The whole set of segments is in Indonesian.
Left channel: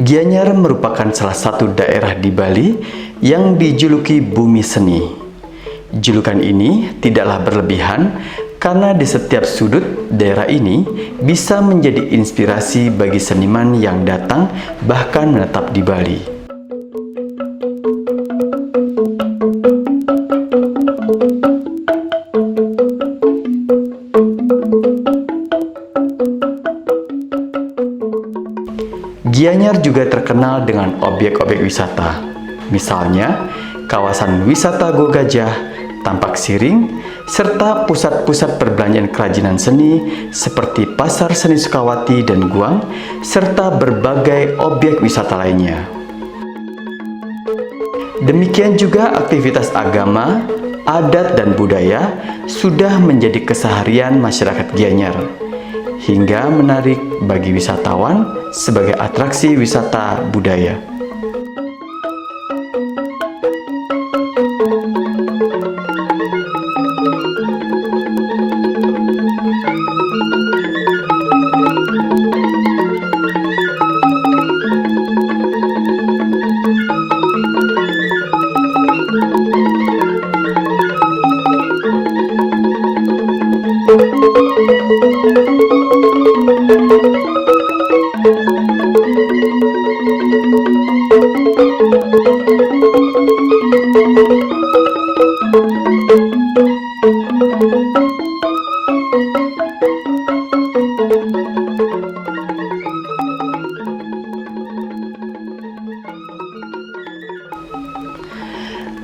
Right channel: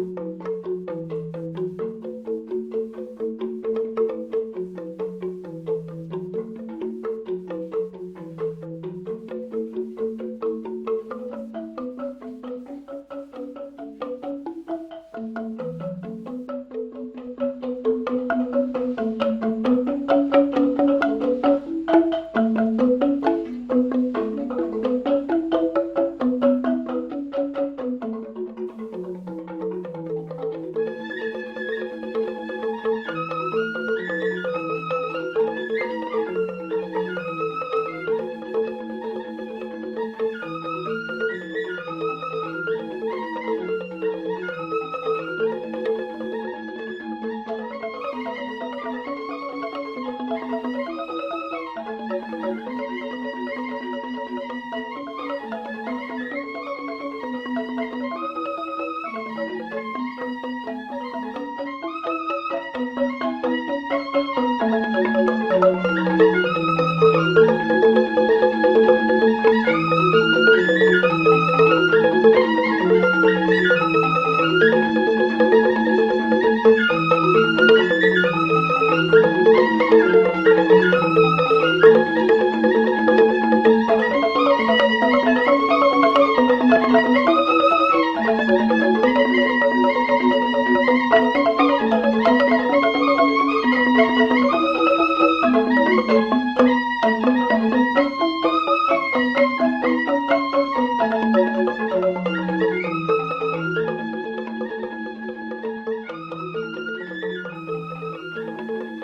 Gianyar merupakan salah satu daerah di Bali yang dijuluki Bumi Seni. Julukan ini tidaklah berlebihan karena di setiap sudut daerah ini bisa menjadi inspirasi bagi seniman yang datang bahkan menetap di Bali. Gianyar juga terkenal dengan objek-objek wisata, misalnya kawasan wisata Go Gajah, Tampak Siring, serta pusat-pusat perbelanjaan kerajinan seni seperti Pasar Seni Sukawati dan Guang, serta berbagai objek wisata lainnya. Demikian juga aktivitas agama, adat, dan budaya sudah menjadi keseharian masyarakat Gianyar, hingga menarik bagi wisatawan sebagai atraksi wisata budaya.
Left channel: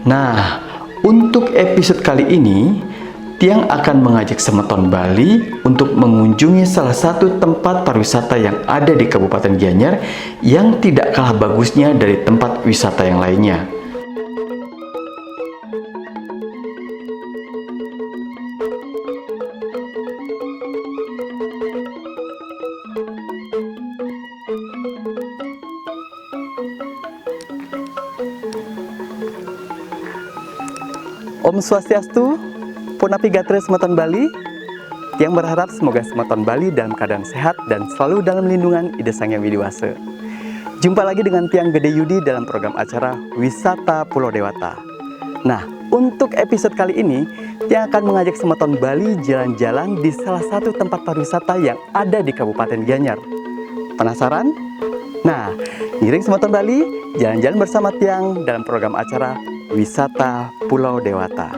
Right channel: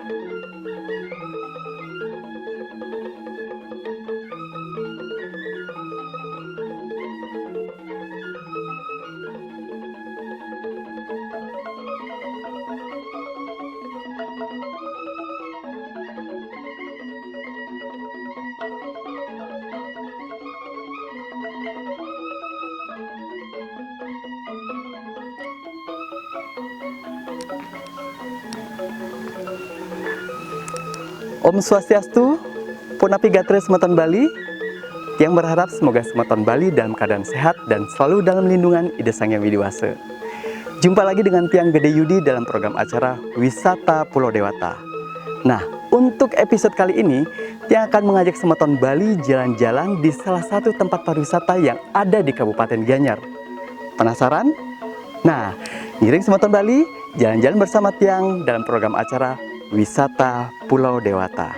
Nah, untuk episode kali ini, Tiang akan mengajak Semeton Bali untuk mengunjungi salah satu tempat pariwisata yang ada di Kabupaten Gianyar yang tidak kalah bagusnya dari tempat wisata yang lainnya. Om Swastiastu, Punapi Gatre Semeton Bali. Yang berharap semoga Semeton Bali dalam keadaan sehat dan selalu dalam lindungan Ida Sang Hyang Widiwasa. Jumpa lagi dengan Tiang Gede Yudi dalam program acara Wisata Pulau Dewata. Nah, untuk episode kali ini, Tiang akan mengajak Semeton Bali jalan-jalan di salah satu tempat pariwisata yang ada di Kabupaten Gianyar. Penasaran? Nah, ngiring Semeton Bali, jalan-jalan bersama Tiang dalam program acara Wisata Pulau Dewata.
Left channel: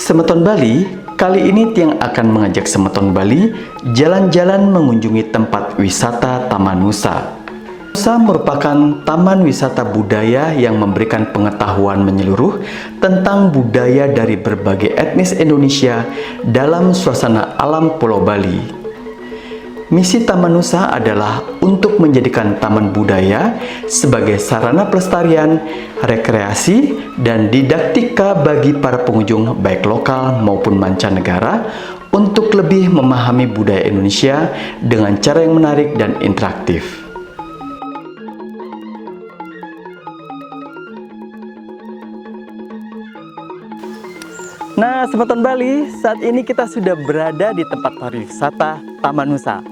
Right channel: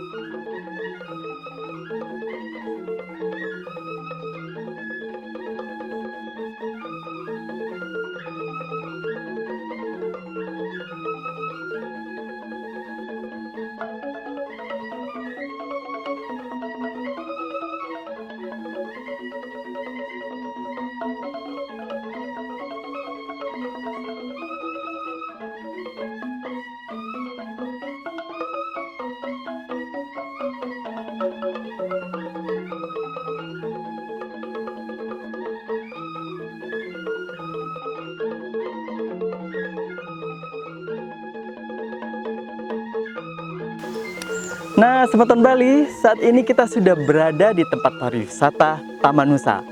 Semeton Bali, kali ini Tiang akan mengajak Semeton Bali jalan-jalan mengunjungi tempat wisata Taman Nusa. Nusa merupakan taman wisata budaya yang memberikan pengetahuan menyeluruh tentang budaya dari berbagai etnis Indonesia dalam suasana alam Pulau Bali. Misi Taman Nusa adalah untuk menjadikan taman budaya sebagai sarana pelestarian, rekreasi, dan didaktika bagi para pengunjung baik lokal maupun mancanegara untuk lebih memahami budaya Indonesia dengan cara yang menarik dan interaktif. Nah, Semeton Bali, saat ini kita sudah berada di tempat pariwisata Taman Nusa.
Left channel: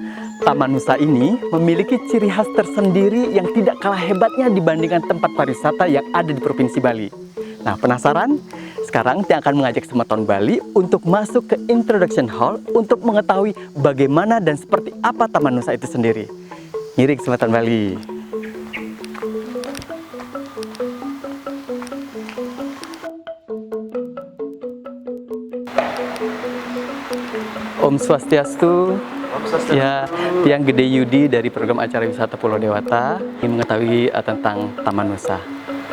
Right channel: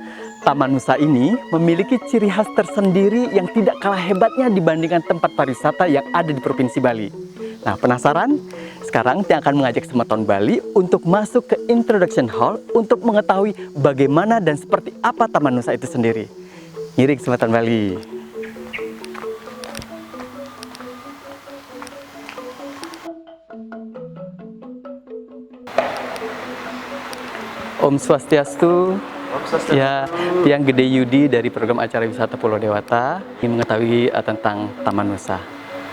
Taman Nusa ini memiliki ciri khas tersendiri yang tidak kalah hebatnya dibandingkan tempat pariwisata yang ada di Provinsi Bali. Nah, penasaran? Sekarang Tiang akan mengajak Semeton Bali untuk masuk ke Introduction Hall untuk mengetahui bagaimana dan seperti apa Taman Nusa itu sendiri. Ngiring Semeton Bali. Om Swastiastu. Ya, Tiang Gede Yudi dari program acara wisata Pulau Dewata ingin mengetahui tentang Taman Nusa.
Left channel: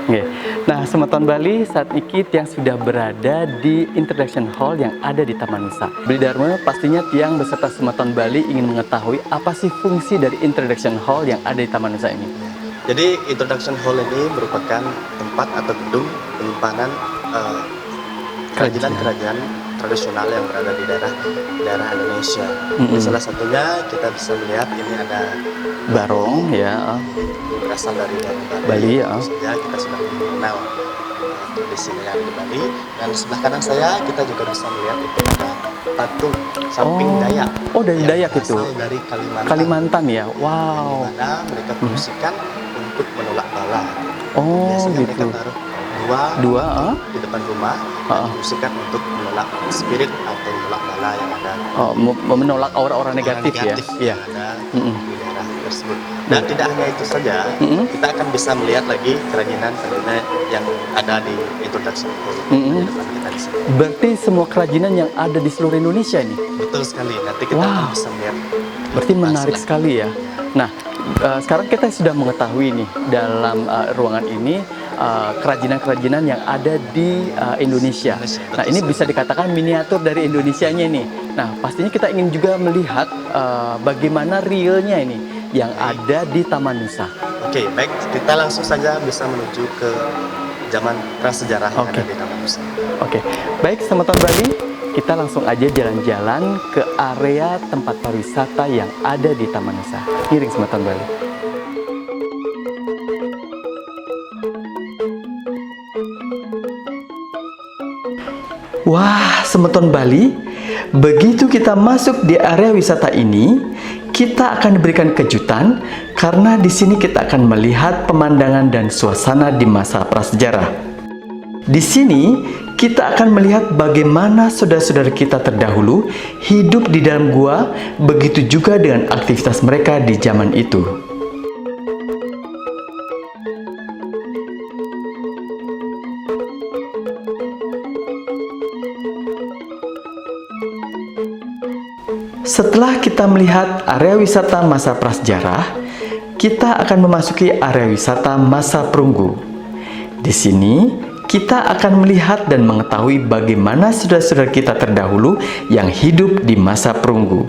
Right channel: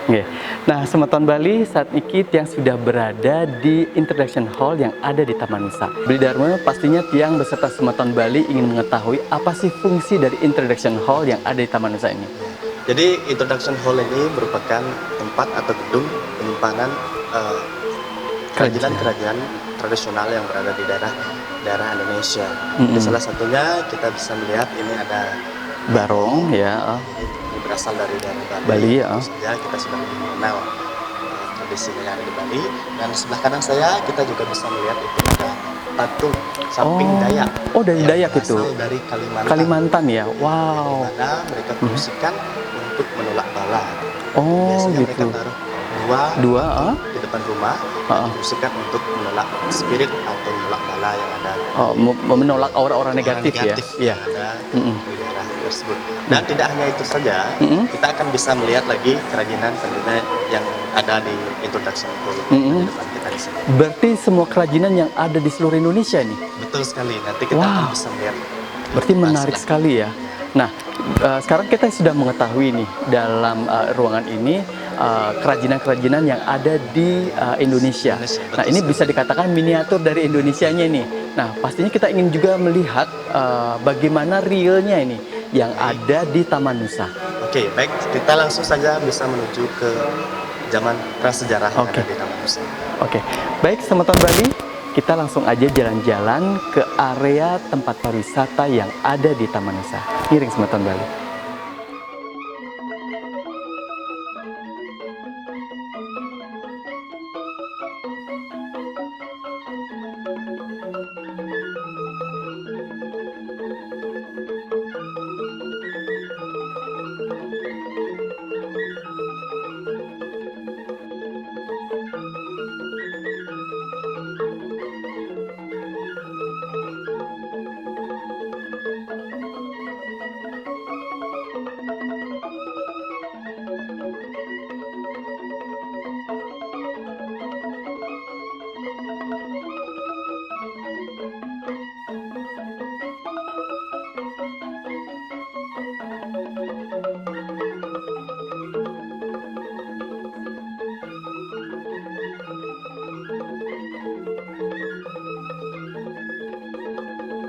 Oke. Nah, Semeton Bali, saat ini Tiang sudah berada di Introduction Hall yang ada di Taman Nusa. Beli Dharma, pastinya Tiang beserta Semeton Bali ingin mengetahui apa sih fungsi dari Introduction Hall yang ada di Taman Nusa ini. Jadi Introduction Hall ini merupakan tempat atau gedung penyimpanan kerajinan tradisional yang berada di daerah Indonesia. Salah satunya kita bisa melihat ini ada barong ya. berasal dari Bali. Bali, ya. Tentu saja kita sudah mengenal tradisi yang ada di Bali. Dan sebelah kanan saya kita juga bisa melihat itu ada patung samping Dayak. Oh, dari yang Dayak itu. berasal dari Kalimantan. Kalimantan ya. Di Wow. mana mereka fungsikan untuk menolak bala. Oh, Biasanya gitu. mereka taruh Dua, patung di depan rumah Ah. dan fungsikan untuk menolak spirit atau menolak bala yang ada. Oh, menolak aura-aura negatif, ya. Iya. yang ada Mm-mm. di daerah tersebut. Dan tidak hanya itu saja, Mm-mm. kita akan bisa melihat lagi kerajinan tentunya yang ada di introduction hall Mm-mm. di depan kita di sini. Berarti semua kerajinan yang ada di seluruh Indonesia nih. Betul sekali. Nanti kita Wow. akan bisa melihat. Berarti menarik Setelah- sekali ya. Nah, sekarang kita sudah mengetahui nih dalam ruangan ini kerajinan-kerajinan yang ada di Indonesia. Indonesia, betul Nah, ini sekali. bisa dikatakan miniatur dari Indonesianya nih. Nah, pastinya kita ingin juga melihat bagaimana realnya ini yang ada di Taman Nusa. Oke, baik. Kita langsung saja bisa menuju ke zaman prasejarah yang Oke. ada di Taman Nusa. Oke, baik Semeton Bali, kita langsung aja jalan-jalan ke area tempat pariwisata yang ada di Taman Nusa. Miring Semeton Bali. Wah, Semeton Bali, begitu kita masuk di area wisata ini, kita akan diberikan kejutan karena di sini kita akan melihat pemandangan dan suasana di masa prasejarah. Di sini kita akan melihat bagaimana saudara-saudara kita terdahulu hidup di dalam gua, begitu juga dengan aktivitas mereka di zaman itu. Setelah kita melihat area wisata masa prasejarah, kita akan memasuki area wisata masa perunggu. Di sini, kita akan melihat dan mengetahui bagaimana saudara-saudara kita terdahulu yang hidup di masa perunggu.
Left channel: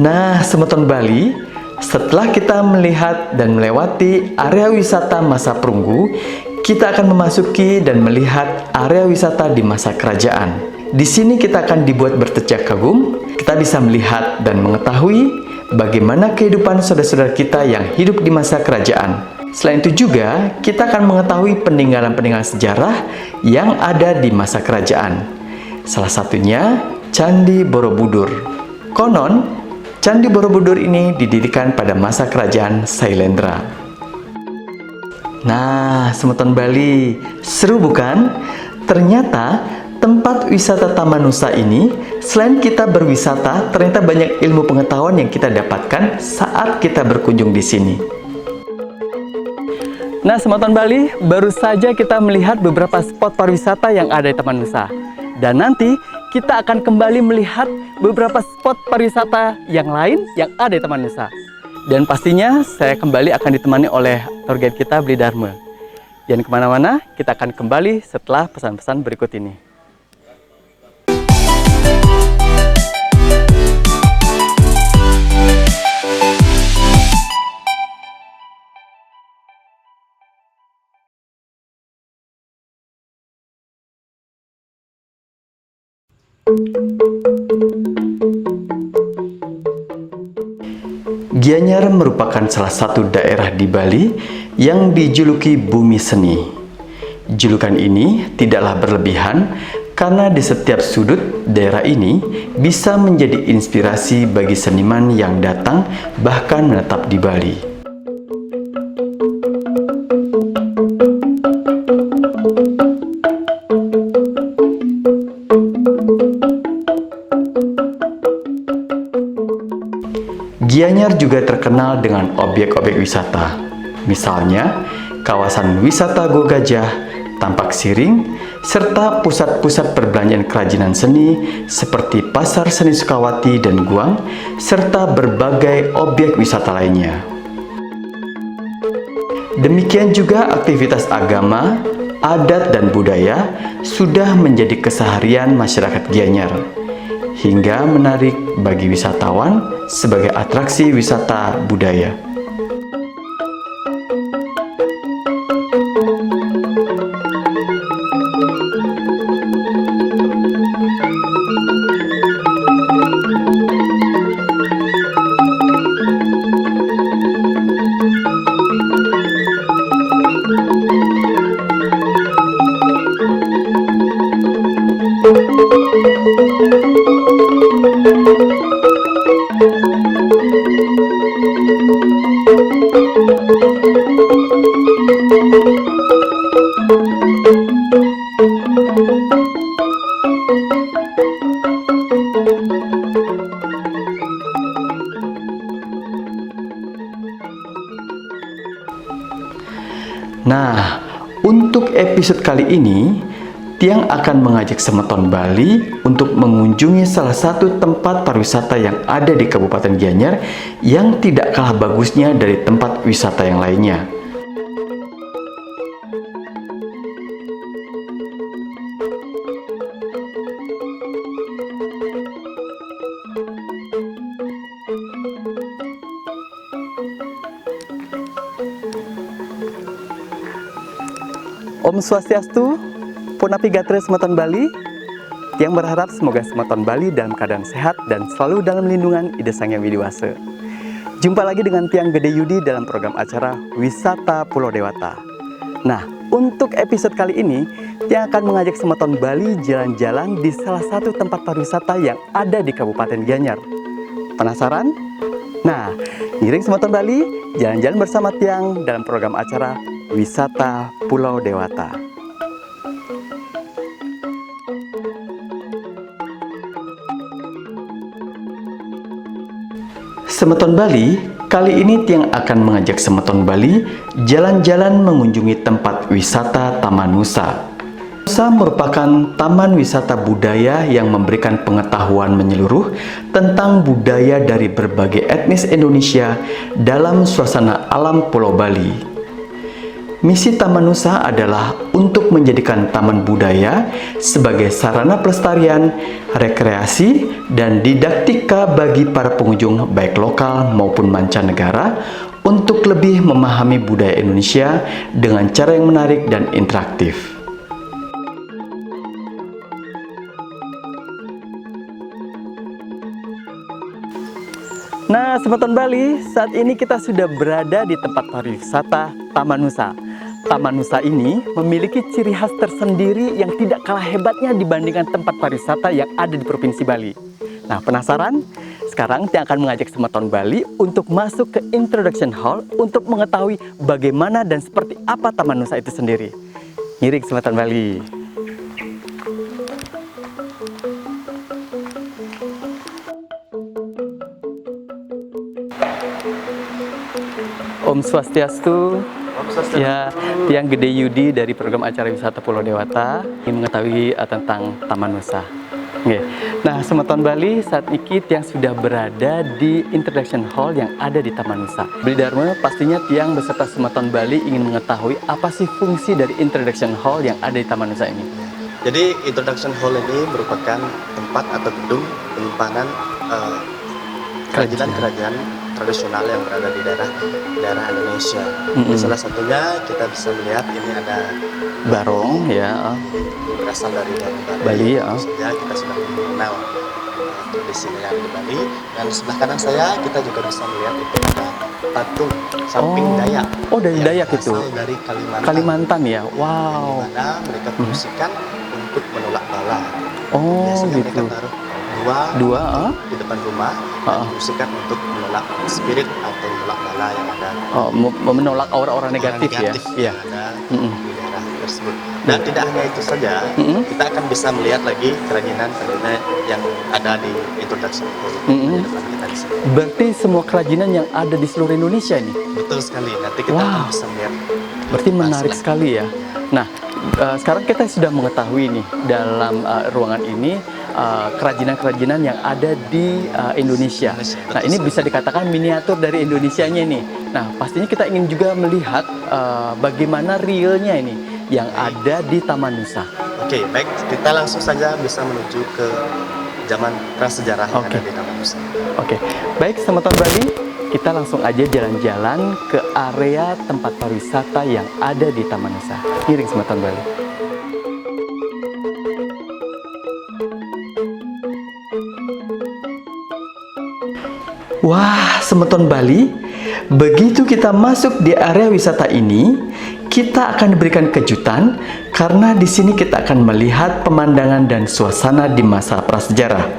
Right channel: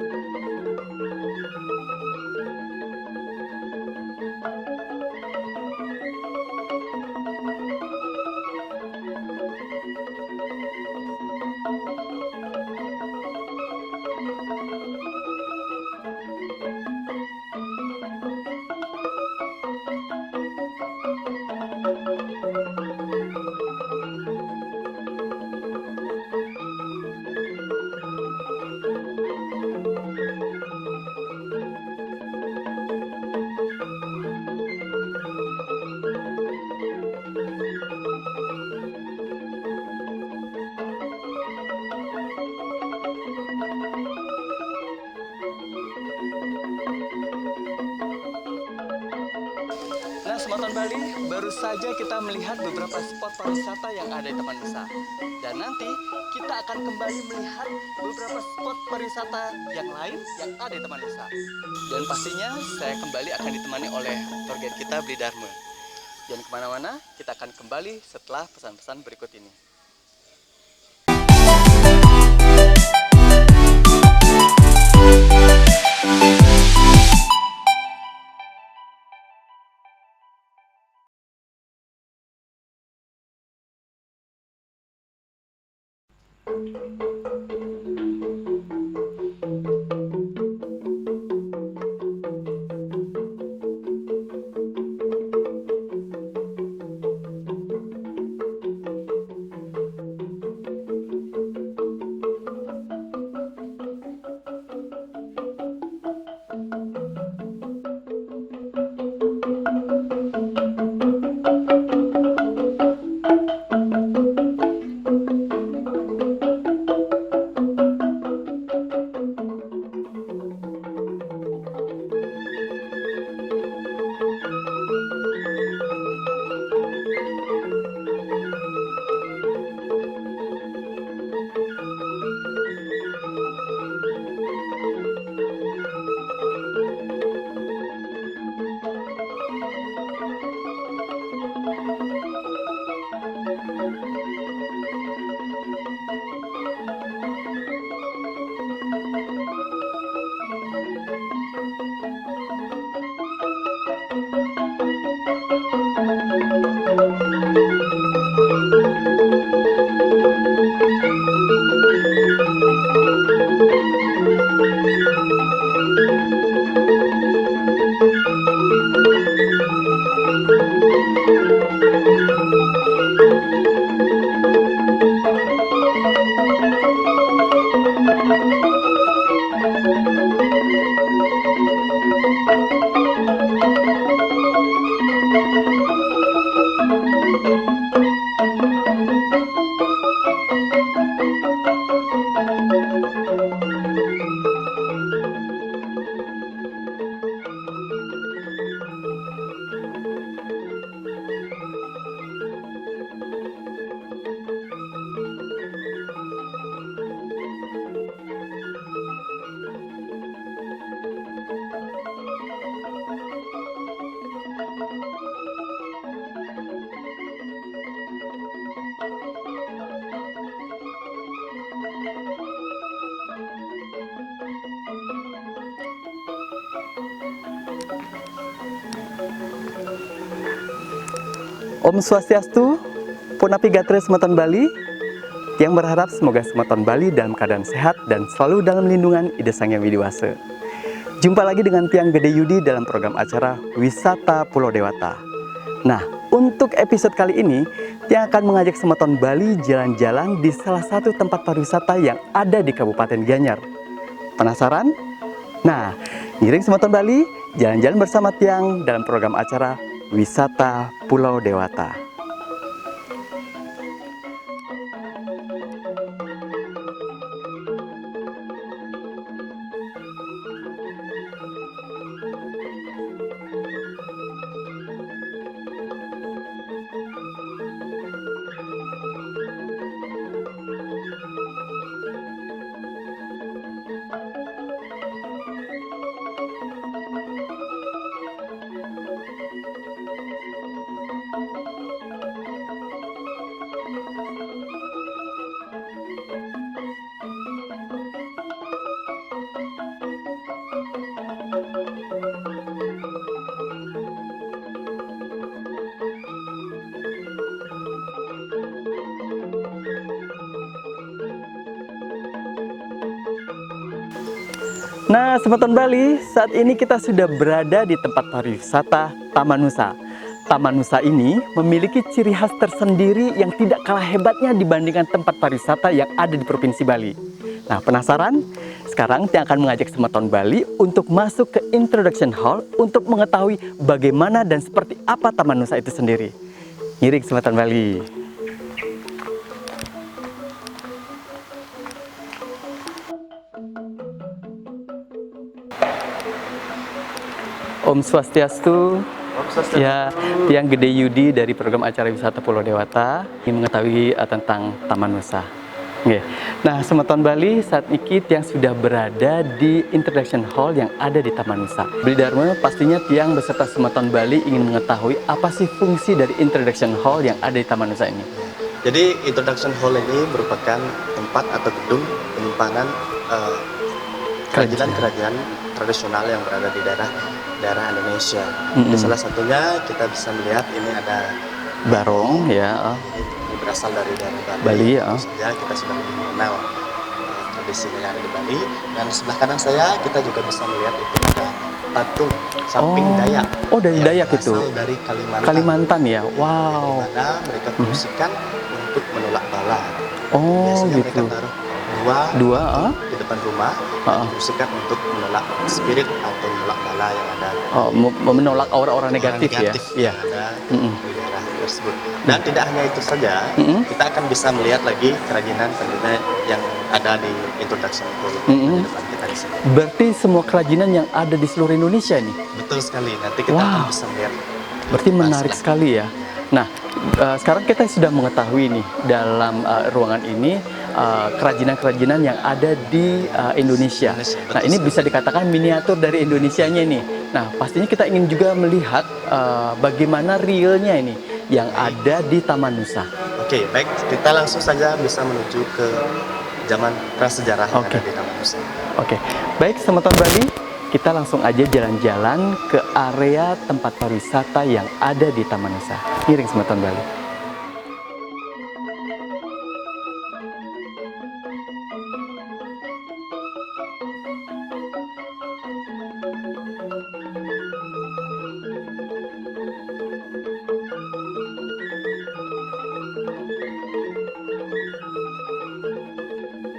Nah, Semeton Bali, setelah kita melihat dan melewati area wisata masa perunggu, kita akan memasuki dan melihat area wisata di masa kerajaan. Di sini kita akan dibuat bertecak kagum, kita bisa melihat dan mengetahui bagaimana kehidupan saudara-saudara kita yang hidup di masa kerajaan. Selain itu juga, kita akan mengetahui peninggalan-peninggalan sejarah yang ada di masa kerajaan. Salah satunya, Candi Borobudur. Konon, Candi Borobudur ini didirikan pada masa kerajaan Sailendra. Nah, Semeton Bali, seru bukan? Ternyata tempat wisata Taman Nusa ini, selain kita berwisata, ternyata banyak ilmu pengetahuan yang kita dapatkan saat kita berkunjung di sini. Nah, Semeton Bali, baru saja kita melihat beberapa spot pariwisata yang ada di Taman Nusa. Dan nanti kita akan kembali melihat beberapa spot pariwisata yang lain yang ada di Taman Nusa. Dan pastinya saya kembali akan ditemani oleh tour guide kita, Bli Dharma. Jangan kemana-mana, kita akan kembali setelah pesan-pesan berikut ini. Gianyar merupakan salah satu daerah di Bali yang dijuluki Bumi Seni. Julukan ini tidaklah berlebihan karena di setiap sudut daerah ini bisa menjadi inspirasi bagi seniman yang datang bahkan menetap di Bali. Gianyar juga terkenal dengan objek-objek wisata, misalnya kawasan wisata Go Gajah, Tampak Siring, serta pusat-pusat perbelanjaan kerajinan seni seperti Pasar Seni Sukawati dan Guang, serta berbagai objek wisata lainnya. Demikian juga aktivitas agama, adat dan budaya sudah menjadi keseharian masyarakat Gianyar, hingga menarik bagi wisatawan sebagai atraksi wisata budaya. Nah, untuk episode kali ini, Tiang akan mengajak Semeton Bali untuk mengunjungi salah satu tempat pariwisata yang ada di Kabupaten Gianyar yang tidak kalah bagusnya dari tempat wisata yang lainnya. Om Swastiastu, Punapi Gatre Semeton Bali. Yang berharap semoga Semeton Bali dalam keadaan sehat dan selalu dalam lindungan Ida Sang Hyang Widiwasa. Jumpa lagi dengan Tiang Gede Yudi dalam program acara Wisata Pulau Dewata. Nah, untuk episode kali ini, Tiang akan mengajak Semeton Bali jalan-jalan di salah satu tempat pariwisata yang ada di Kabupaten Gianyar. Penasaran? Nah, ngiring Semeton Bali, jalan-jalan bersama Tiang dalam program acara Wisata Pulau Dewata. Semeton Bali, kali ini Tiang akan mengajak Semeton Bali jalan-jalan mengunjungi tempat wisata Taman Nusa. Nusa merupakan taman wisata budaya yang memberikan pengetahuan menyeluruh tentang budaya dari berbagai etnis Indonesia dalam suasana alam Pulau Bali. Misi Taman Nusa adalah untuk menjadikan taman budaya sebagai sarana pelestarian, rekreasi, dan didaktika bagi para pengunjung baik lokal maupun mancanegara untuk lebih memahami budaya Indonesia dengan cara yang menarik dan interaktif. Nah, Semeton Bali, saat ini kita sudah berada di tempat pariwisata Taman Nusa. Taman Nusa ini memiliki ciri khas tersendiri yang tidak kalah hebatnya dibandingkan tempat pariwisata yang ada di Provinsi Bali. Nah, penasaran? Sekarang Tiang akan mengajak Semeton Bali untuk masuk ke Introduction Hall untuk mengetahui bagaimana dan seperti apa Taman Nusa itu sendiri. Ngiring Semeton Bali. Om Swastiastu. Ya, Tiang Gede Yudi dari program acara Wisata Pulau Dewata ingin mengetahui tentang Taman Nusa. Oke. Nah, Semeton Bali, saat ini Tiang sudah berada di Introduction Hall yang ada di Taman Nusa. Beli Dharma, pastinya Tiang beserta Semeton Bali ingin mengetahui apa sih fungsi dari Introduction Hall yang ada di Taman Nusa ini. Jadi Introduction Hall ini merupakan tempat atau gedung penyimpanan kerajinan-kerajinan tradisional yang berada di daerah Indonesia. Di salah satunya kita bisa melihat ini ada Barong, ya. Ini berasal dari Bali, ya. Tentu saja kita sudah mengenal tradisinya yang ada di Bali. Dan sebelah kanan saya kita juga bisa melihat itu ada patung samping Dayak. Oh, dari Dayak itu. Berasal dari Kalimantan. Kalimantan ya. Wow. Di mana mereka fungsikan untuk menolak bala. Oh, Biasanya gitu. mereka taruh dua di depan rumah dan fungsikan untuk menolak spirit atau menolak bala yang ada. Oh, menolak aura-aura negatif, ya. Yang ada di daerah tersebut. Dan tidak hanya itu saja, kita akan bisa melihat lagi kerajinan yang ada di Introduction Hall di depan kita di sini. Berarti semua kerajinan yang ada di seluruh Indonesia nih. Betul sekali. Nanti kita akan bisa melihat. Berarti menarik sekali ya. Nah, sekarang kita sudah mengetahui nih dalam ruangan ini kerajinan-kerajinan yang ada di Indonesia. Nah, ini bisa dikatakan miniatur dari Indonesianya nih. Nah, pastinya kita ingin juga melihat bagaimana realnya ini yang ada di Taman Nusa. Oke, baik. Kita langsung saja bisa menuju ke zaman prasejarah yang ada di Taman Nusa. Oke, baik Semeton Bali, kita langsung aja jalan-jalan ke area tempat pariwisata yang ada di Taman Nusa. Ngiring Semeton Bali. Wah, Semeton Bali, begitu kita masuk di area wisata ini, kita akan diberikan kejutan karena di sini kita akan melihat pemandangan dan suasana di masa prasejarah.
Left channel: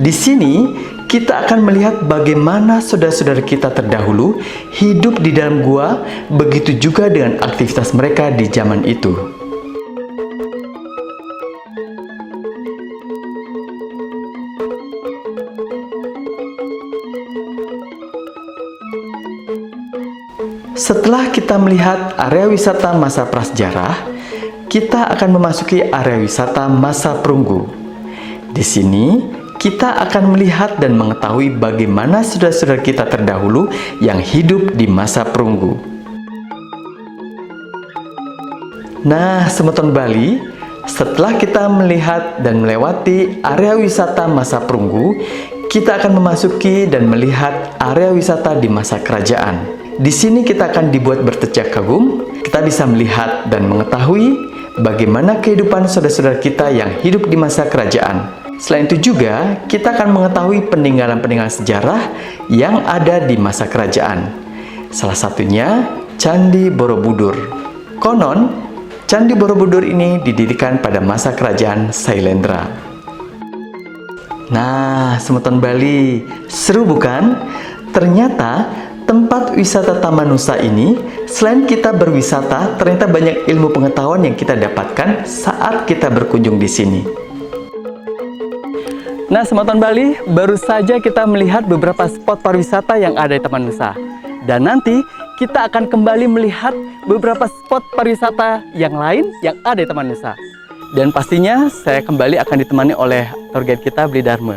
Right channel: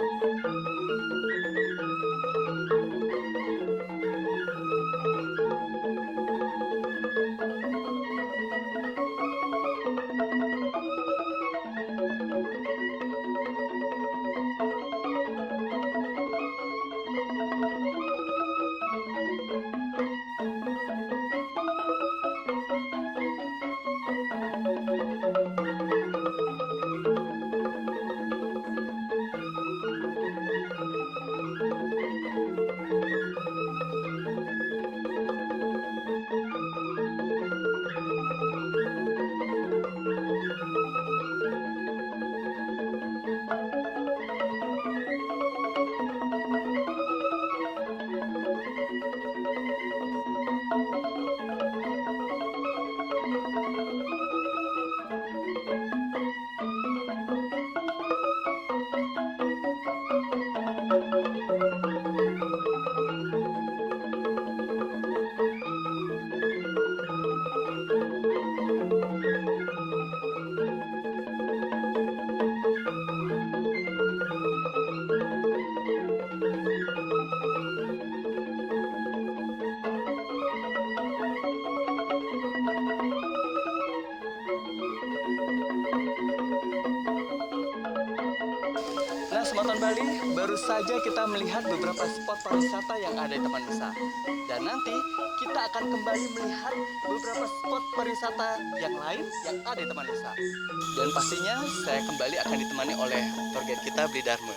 Di sini kita akan melihat bagaimana saudara-saudara kita terdahulu hidup di dalam gua, begitu juga dengan aktivitas mereka di zaman itu. Setelah kita melihat area wisata masa prasejarah, kita akan memasuki area wisata masa perunggu. Di sini, kita akan melihat dan mengetahui bagaimana saudara-saudara kita terdahulu yang hidup di masa perunggu. Nah, Semeton Bali, setelah kita melihat dan melewati area wisata masa perunggu, kita akan memasuki dan melihat area wisata di masa kerajaan. Di sini kita akan dibuat bertecak kagum, kita bisa melihat dan mengetahui bagaimana kehidupan saudara-saudara kita yang hidup di masa kerajaan. Selain itu juga, kita akan mengetahui peninggalan-peninggalan sejarah yang ada di masa kerajaan. Salah satunya, Candi Borobudur. Konon, Candi Borobudur ini didirikan pada masa kerajaan Sailendra. Nah, Semeton Bali, seru bukan? Ternyata tempat wisata Taman Nusa ini, selain kita berwisata, ternyata banyak ilmu pengetahuan yang kita dapatkan saat kita berkunjung di sini. Nah, Semeton Bali, baru saja kita melihat beberapa spot pariwisata yang ada di Taman Nusa. Dan nanti kita akan kembali melihat beberapa spot pariwisata yang lain yang ada di Taman Nusa. Dan pastinya saya kembali akan ditemani oleh tour guide kita, Bli Dharma.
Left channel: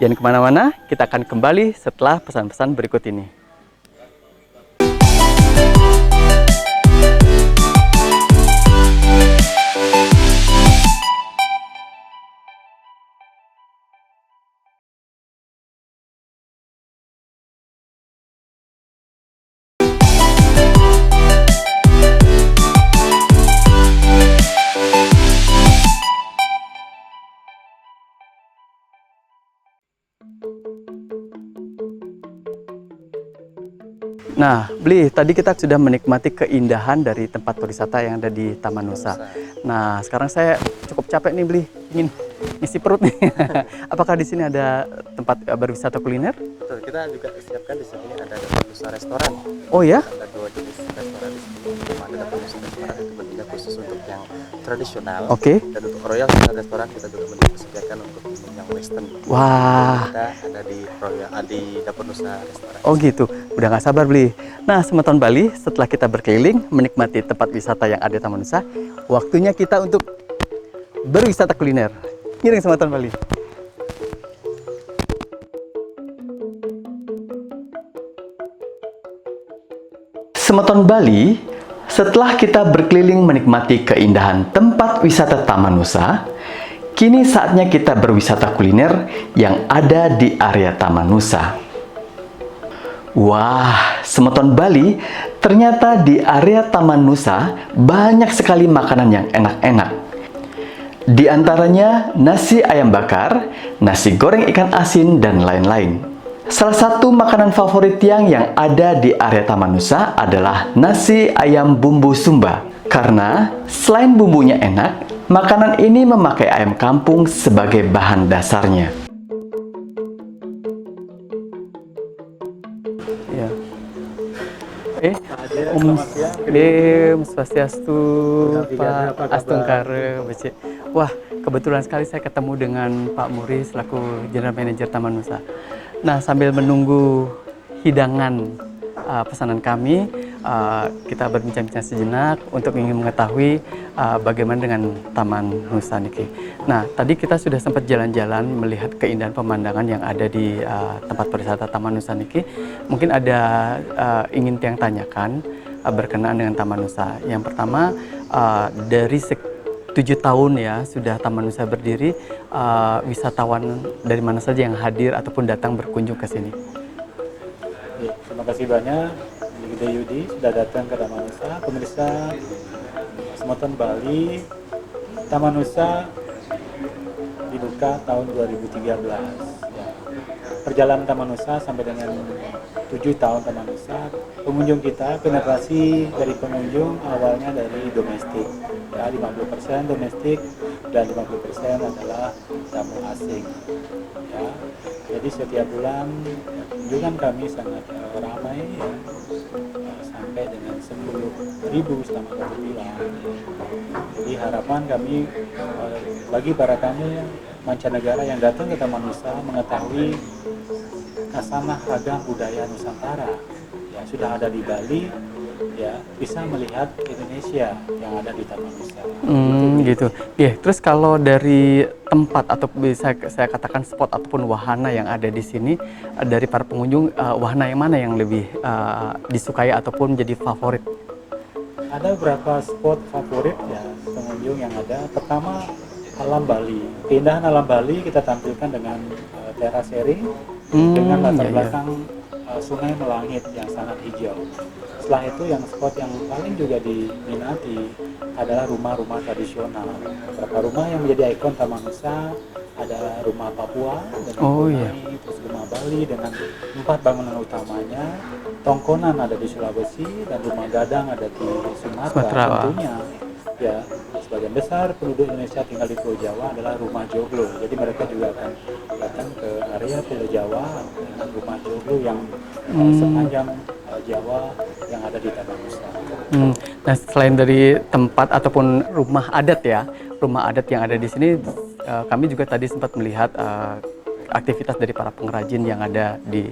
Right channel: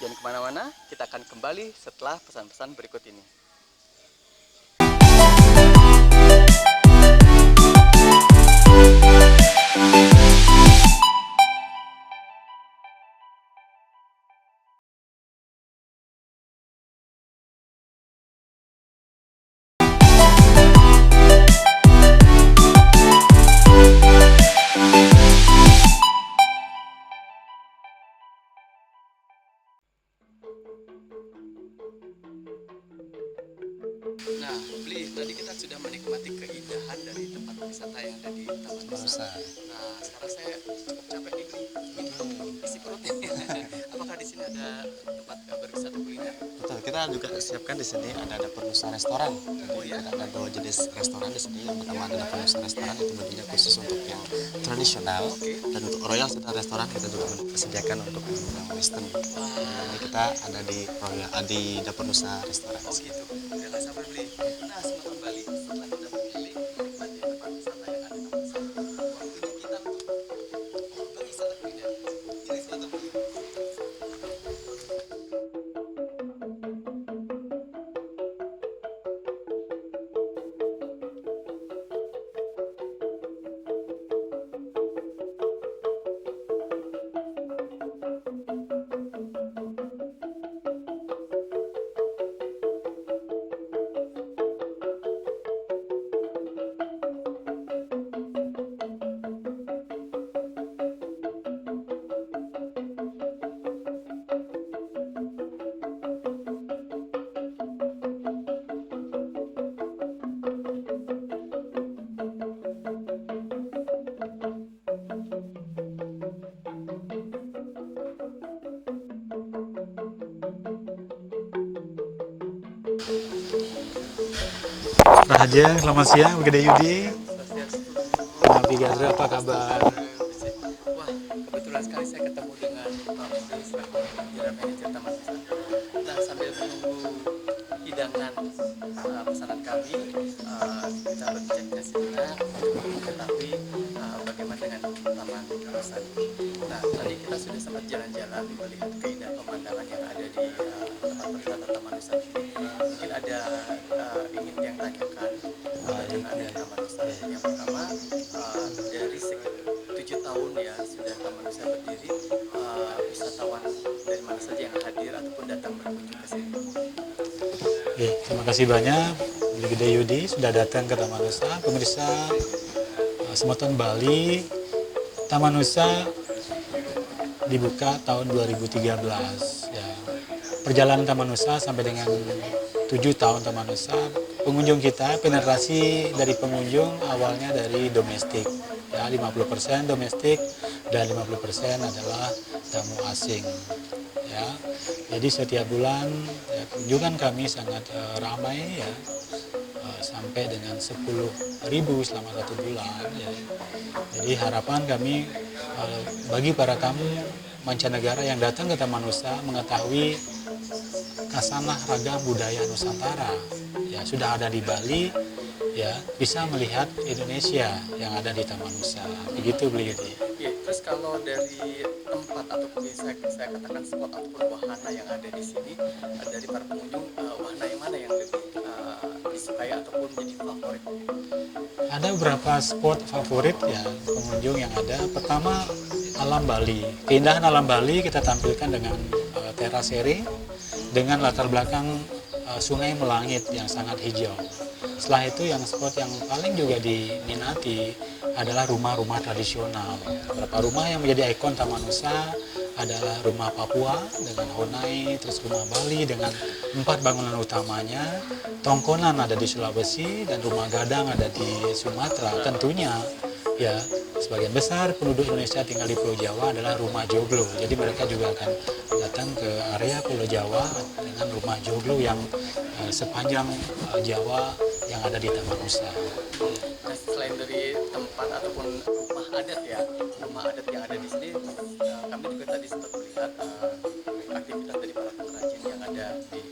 Jangan kemana-mana, kita akan kembali setelah pesan-pesan berikut ini. Nah, Bli, tadi kita sudah menikmati keindahan dari tempat wisata yang ada di Taman Nusa. Nah, sekarang saya cukup capek nih, Bli, ingin isi perut nih. Apakah di sini ada tempat berwisata kuliner? Betul, kita juga siapkan di sini ada Dapur Nusa restoran. Oh ya? Ada 2 jenis restoran di sini. Yang pertama ada Dapur Nusa restoran, itu bentuknya khusus untuk yang tradisional. Oke. Dan untuk Royal Nusa restoran kita juga menyediakan untuk yang western. Wah. Kita ada di di Dapur Nusa restoran. Oh gitu, udah gak sabar Bli. Nah, Semeton Bali, setelah kita berkeliling menikmati tempat wisata yang ada di Taman Nusa, waktunya kita untuk berwisata kuliner. Ngiring Semeton Bali. Semeton Bali, setelah kita berkeliling menikmati keindahan tempat wisata Taman Nusa, kini saatnya kita berwisata kuliner yang ada di area Taman Nusa. Wah, Semeton Bali, ternyata di area Taman Nusa banyak sekali makanan yang enak-enak. Di antaranya nasi ayam bakar, nasi goreng ikan asin, dan lain-lain. Salah satu makanan favorit yang ada di area Taman Nusa adalah nasi ayam bumbu Sumba. Karena selain bumbunya enak, makanan ini memakai ayam kampung sebagai bahan dasarnya. Ya. Rahaja, selamat siang. Swastiastu, Pak Astungkare, BC. Wah, kebetulan sekali saya ketemu dengan Pak Muri selaku General Manager Taman Nusa. Nah, sambil menunggu hidangan pesanan kami, kita berbincang-bincang sejenak untuk ingin mengetahui bagaimana dengan Taman Nusa Niki. Nah, tadi kita sudah sempat jalan-jalan melihat keindahan pemandangan yang ada di tempat wisata Taman Nusa Niki. Mungkin ada ingin yang tanyakan berkenaan dengan Taman Nusa. Yang pertama, dari 7 tahun ya sudah Taman Nusa berdiri, wisatawan dari mana saja yang hadir ataupun datang berkunjung ke sini? Oke, terima kasih banyak Gede Yudi sudah datang ke Taman Nusa. Pemirsa Semeton Bali, Taman Nusa dibuka tahun 2013. Ya. Perjalanan Taman Nusa sampai dengan 7 tahun Taman Nusa, pengunjung kita, penetrasi dari pengunjung awalnya dari domestik, ya 50% domestik dan 50% adalah tamu asing. Ya, jadi setiap bulan ya, kunjungan kami sangat ramai ya, sampai dengan 10.000 selama 1 bulan. Ya. Jadi harapan kami bagi para tamu mancanegara yang datang ke Taman Nusa mengetahui kasanah ragam budaya Nusantara. Ya, sudah ada di Bali, bisa melihat Indonesia yang ada di Taman Nusa. Gitu. Ya, terus kalau dari tempat atau bisa saya katakan spot ataupun wahana yang ada di sini dari para pengunjung, wahana yang mana yang lebih disukai ataupun jadi favorit? Ada beberapa spot favorit ya pengunjung yang ada. Pertama, alam Bali. Keindahan alam Bali kita tampilkan dengan terasering dengan latar belakang sungai Melangit yang sangat hijau. Setelah itu yang spot yang paling juga diminati adalah rumah-rumah tradisional. Beberapa rumah yang menjadi ikon Taman Nusa adalah rumah Papua dengan Konai, terus rumah Bali dengan 4 bangunan utamanya, Tongkonan ada di Sulawesi, dan rumah Gadang ada di Sumatera. Tentunya ya sebagian besar penduduk Indonesia tinggal di Pulau Jawa adalah rumah joglo. Jadi mereka juga akan datang ke area Pulau Jawa dengan rumah joglo yang sepanjang Jawa yang ada di Taman Nusa. Nah, selain dari tempat ataupun rumah adat ya, rumah adat yang ada di sini, kami juga tadi sempat melihat aktivitas dari para pengrajin yang ada di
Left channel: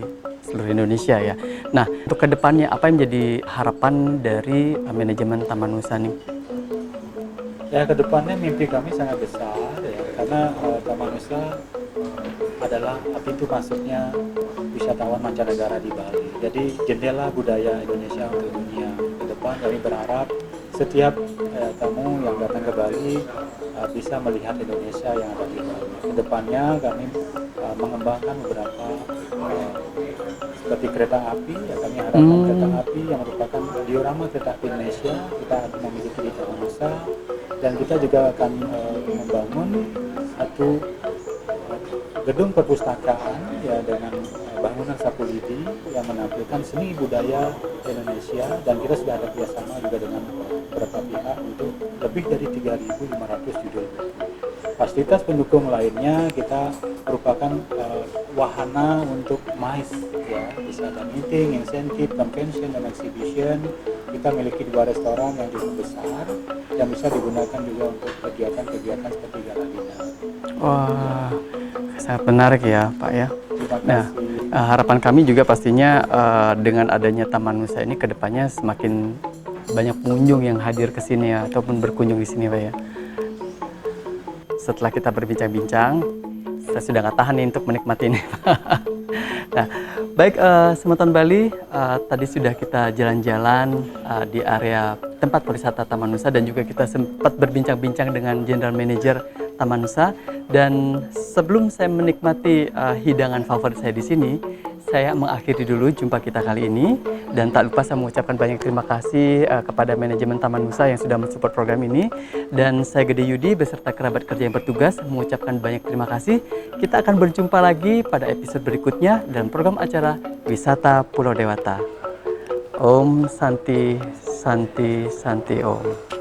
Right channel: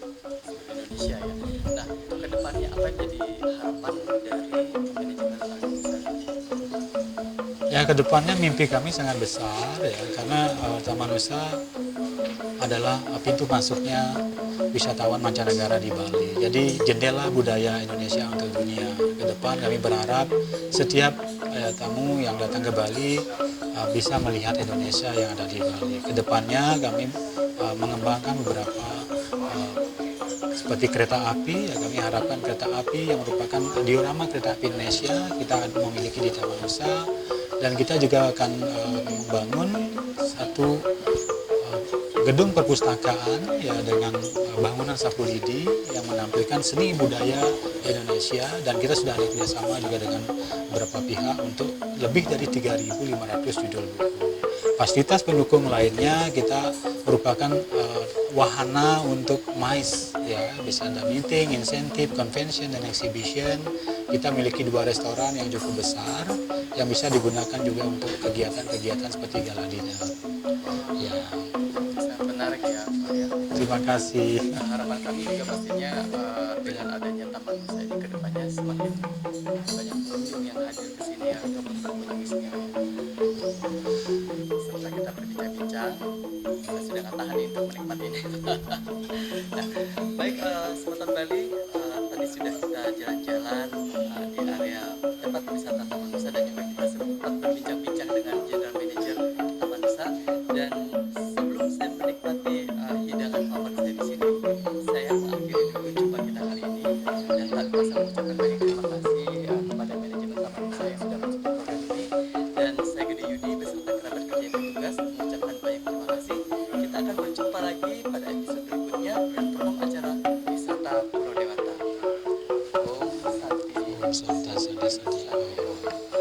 seluruh Indonesia ya. Nah, untuk kedepannya apa yang menjadi harapan dari manajemen Taman Nusa nih? Ya, kedepannya mimpi kami sangat besar ya, karena Taman Nusa adalah pintu masuknya wisatawan mancanegara di Bali. Jadi jendela budaya Indonesia untuk dunia. Ke depan kami berharap setiap tamu yang datang ke Bali bisa melihat Indonesia yang ada di Bali. Kedepannya kami mengembangkan beberapa seperti kereta api, ya kami harapkan kereta api yang merupakan diorama kereta api Indonesia kita memiliki di Taman Nusa, dan kita juga akan membangun satu gedung perpustakaan ya dengan bangunan sapu lidi yang menampilkan seni budaya Indonesia, dan kita sudah ada kerjasama juga dengan beberapa pihak untuk lebih dari 3.500 judul buku. Fasilitas pendukung lainnya kita merupakan wahana untuk MICE ya, bisa ada meeting, insentif, convention, dan exhibition. Kita miliki 2 restoran yang cukup besar yang bisa digunakan juga untuk kegiatan-kegiatan seperti gala dinner. Wah, sangat menarik ya Pak ya. Terima kasih. Nah, harapan kami juga pastinya dengan adanya Taman Nusa ini kedepannya semakin banyak pengunjung yang hadir ke sini ya, ataupun berkunjung di sini Pak ya. Setelah kita berbincang-bincang, saya sudah nggak tahan nih untuk menikmati ini. Nah, baik Semeton Bali, tadi sudah kita jalan-jalan di area tempat wisata Taman Nusa, dan juga kita sempat berbincang-bincang dengan General Manager Taman Nusa. Dan sebelum saya menikmati hidangan favorit saya di sini, saya mengakhiri dulu jumpa kita kali ini, dan tak lupa saya mengucapkan banyak terima kasih kepada manajemen Taman Nusa yang sudah mensupport program ini. Dan saya Gede Yudi beserta kerabat kerja yang bertugas mengucapkan banyak terima kasih. Kita akan berjumpa lagi pada episode berikutnya dalam program acara Wisata Pulau Dewata. Om Santi Santi Santi Om.